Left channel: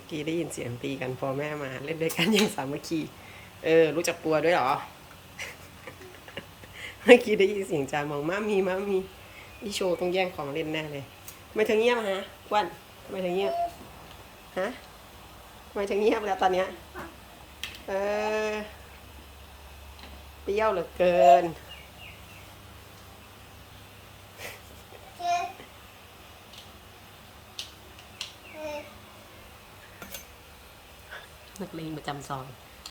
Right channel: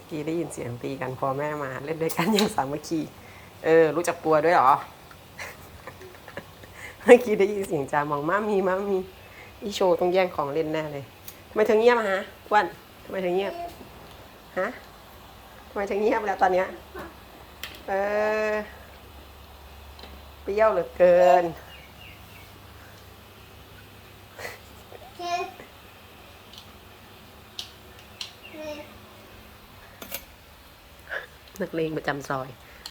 มื่อกี้ได้ยินเสียงตีกันพอแม่มาเล่นด้วยกันอย่างสามัคคีเออ รู้จักกลัวด้วยเหรอ เมื่อกี้ได้ยินเสียงจามองมามีมามีอีโชต้องแย่งของเล่นแน่เลยทำไมเธอเงียบฮะวันทำไมเธอเงียบฮะทำไมเธอเงียบแล้วตอนเนี้ยเออเปรี้ยวเหลือเกิน นักเลงประจำซอย